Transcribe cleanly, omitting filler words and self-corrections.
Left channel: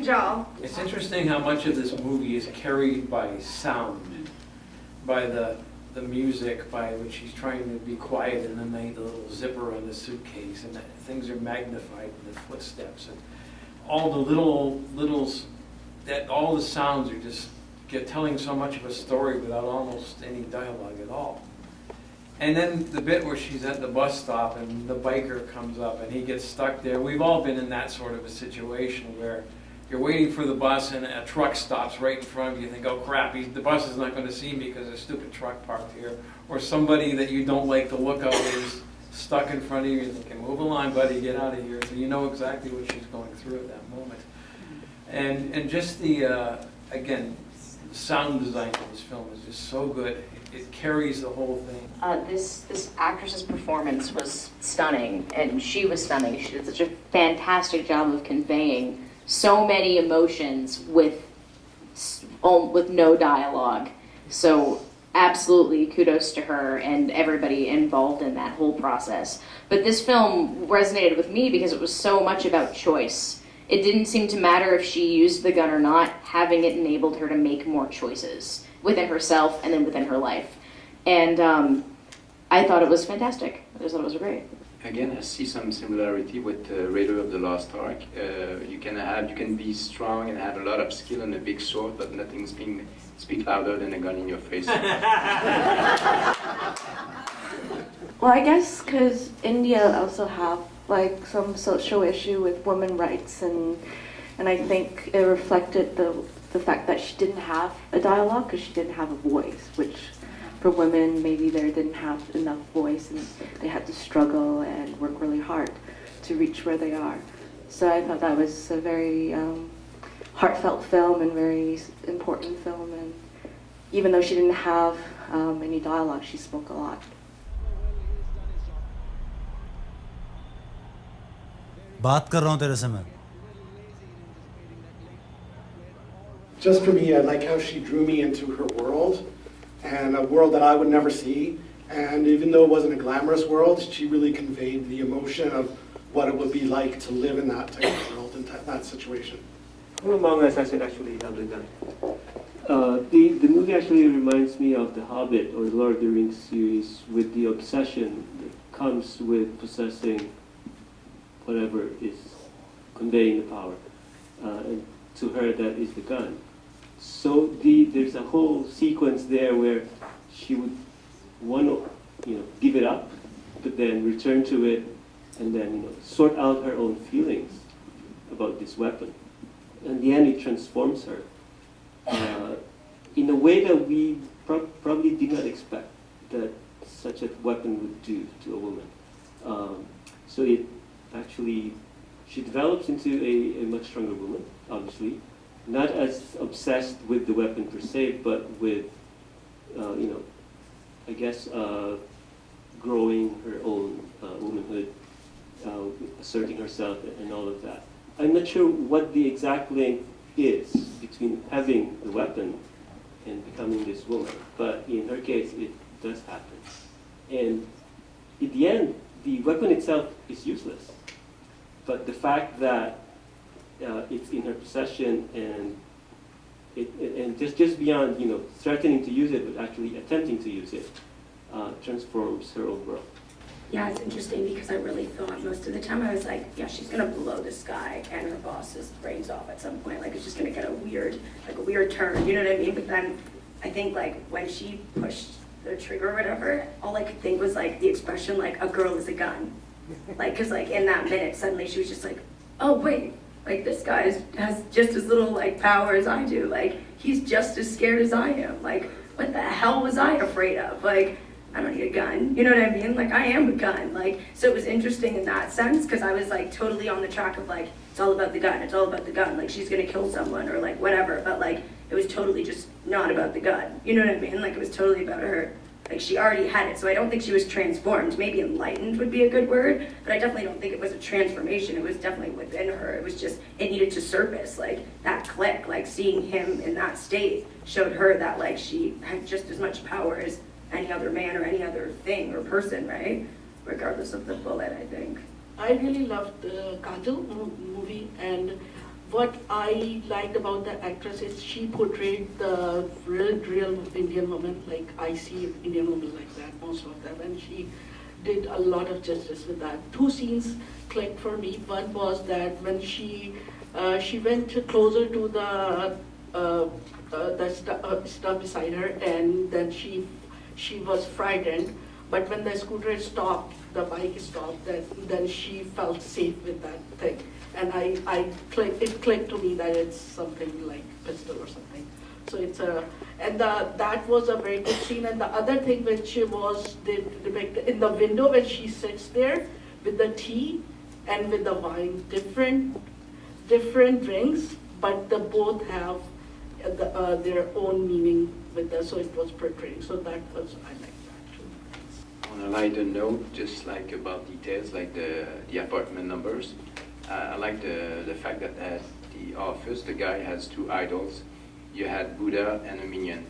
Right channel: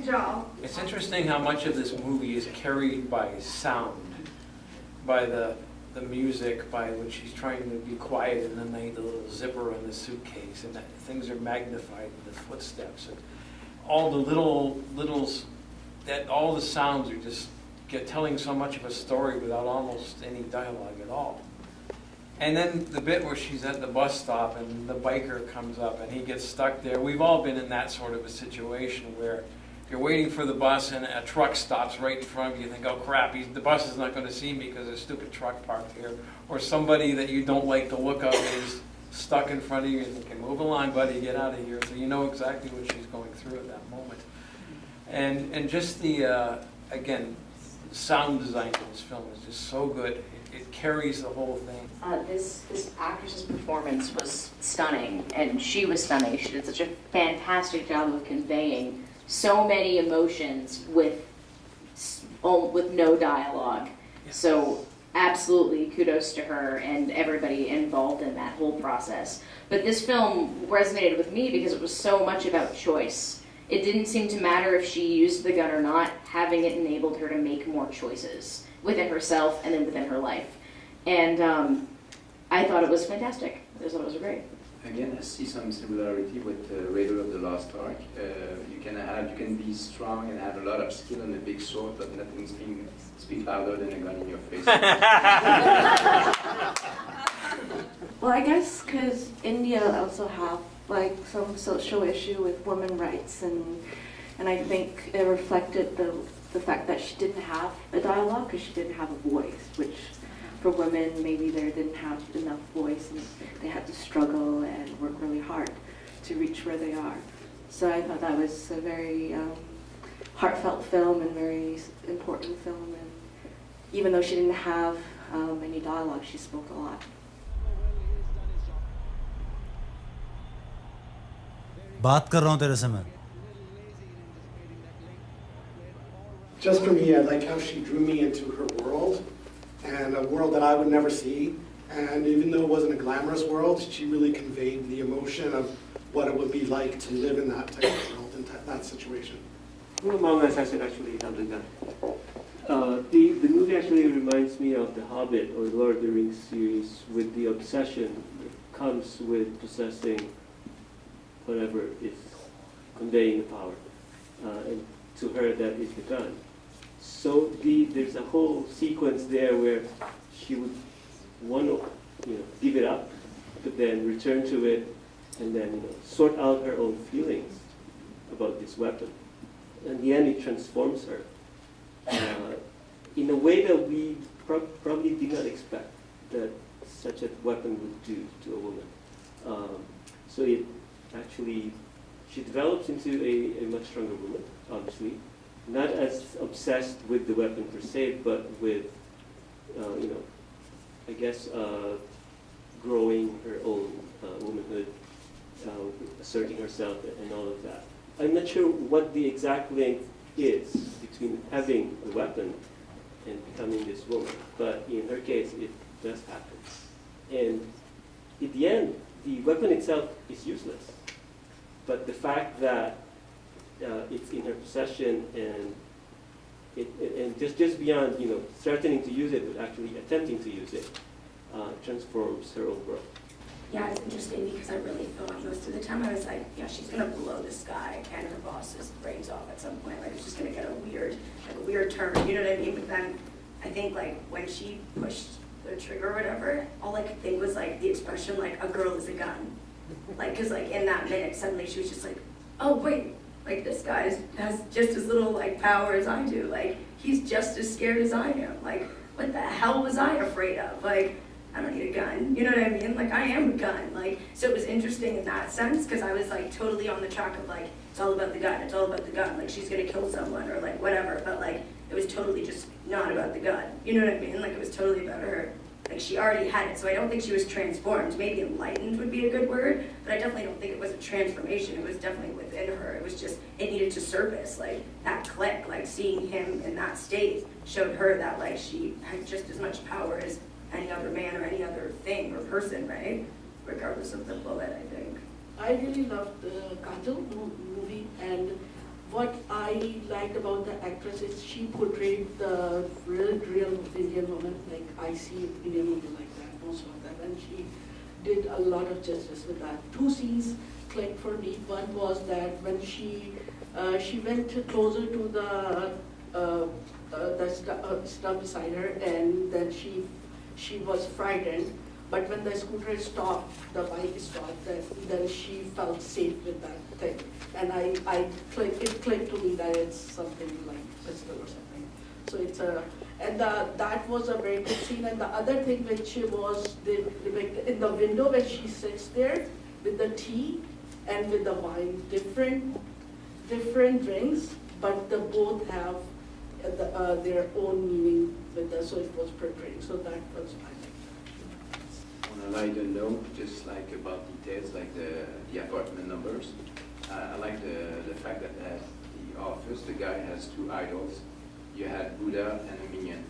KAJAL. It's interesting how much of this movie is carried by sound, by the music, by when she's trying to be quiet and then the little zipper on the suitcase, and that things are magnified, the footsteps, and all the littles, that all the sounds are just telling so much of a story without almost any dialogue at all. And then the bit where she's at the bus stop and the biker comes up and he gets stuck there. We've all been in that sort of a situation where you're waiting for the bus and a truck stops right in front of you. You think, oh crap, the bus is not going to see me because there's a stupid truck parked here. Or somebody that you don't like the look of is stuck in front of you. You're thinking, move along, buddy, get out of here. So you know exactly what she's going through at that moment. And just the, again, sound design of this film is just so good. It carries the whole thing. This actress's performance was stunning, and she was stunning. She did such a fantastic job of conveying so many emotions with no dialogue. So absolutely kudos to her and everybody involved in that whole process. But this film resonated with me because it was so much about choice. It didn't seem to matter if she used the gun or not. Having it enabled her to make more choices within herself and then within her life. And I thought it was fantastic. I just thought it was great. Again, I see some similarity with Raider of the Lost Ark. You can be strong and have a lot of skill and a big sword, but nothing speak louder than a gun in your face. Well, I guess because India also have like some social issue with women rights, and I think it reflected the fact that she didn't have a dialogue because she didn't have a voice, which for women maybe they didn't have enough voice and they had to struggle and work really hard to reach where they are. So I thought that was a very heartfelt film and very important film, and even though she didn't have any dialogue, she spoke a lot. बात कर रहा हूँ तेरे से मैं. Just for me, I like how she drew me into her world, and a world that I would never see. And even though it wasn't a glamorous world, she really conveyed the emotion of what it would be like to live in that type of world, in that situation. Among Us, I said, actually held a gun. The movie actually reminds me of The Hobbit or the Lord of the Rings series, with the obsession that comes with possessing whatever is conveying the power. And to her, that is the gun. So there's a whole sequence there where she would want to, give it up, but then return to it, and then, sort out her own feelings about this weapon. In the end, it transforms her in a way that we probably did not expect that such a weapon would do to a woman. So it actually, she develops into a much stronger woman, obviously. Not as obsessed with the weapon per se, but with, I guess, growing her own womanhood, asserting herself and all of that. I'm not sure what the exact link is between having the weapon and becoming this woman, but in her case, it does happen. And in the end, the weapon itself is useless. But the fact that it's in her possession and just beyond, threatening to use it, but actually attempting to use it, transforms her own world. Yeah, it's interesting because I really thought most of the time I was like, yeah, she's gonna blow this guy and her boss's brains off at some point. Like it's just gonna get a weird turn. You know what I mean? But then I think like when she pushed the trigger or whatever, all I could think was like the expression like a girl is a gun. Like, cause like in that minute suddenly she was just like, oh wait, like this guy has just as little like power as I do. Like he's just as scared as I am. Like what the hell was I afraid of? Like I don't need a gun, you know what I mean? Like I am a gun. Like so it was interesting in that sense because I was like totally on the track of like it's all about the gun, it's all about the gun. Like she's gonna kill someone or like whatever. But like it was totally just not about the gun. You know what I mean? Like it was totally about her. Like she already had it, so I don't think she was transformed. Maybe enlightened would be a good word, but I definitely don't think it was a transformation. It was definitely within her. It was just, it needed to surface, like that click, like seeing him in that state showed her that like she had just as much power as any other man or any other thing or person, right? Regardless of the bullet, I think. I really loved the KAJAL movie, and what I liked about the actress is she portrayed the real Indian woman, like I see Indian women like that, most of them, and she did a lot of justice with that. Two scenes clicked for me. One was that when she went closer to the stuff beside her, and then she was frightened. But when the scooter stopped, the bike stopped, then she felt safe with that thing. And it clicked to me that it's something like pistol or something. So that was a very good scene. And the other thing which was depicted in the window when she sits there with the tea and with the wine, different drinks, but they both have their own meaning with that. So it was portraying. So that was I like. On a lighter note, just like about details, like the apartment numbers, I like the fact that at the office, the guy has two idols. You had Buddha and a minion.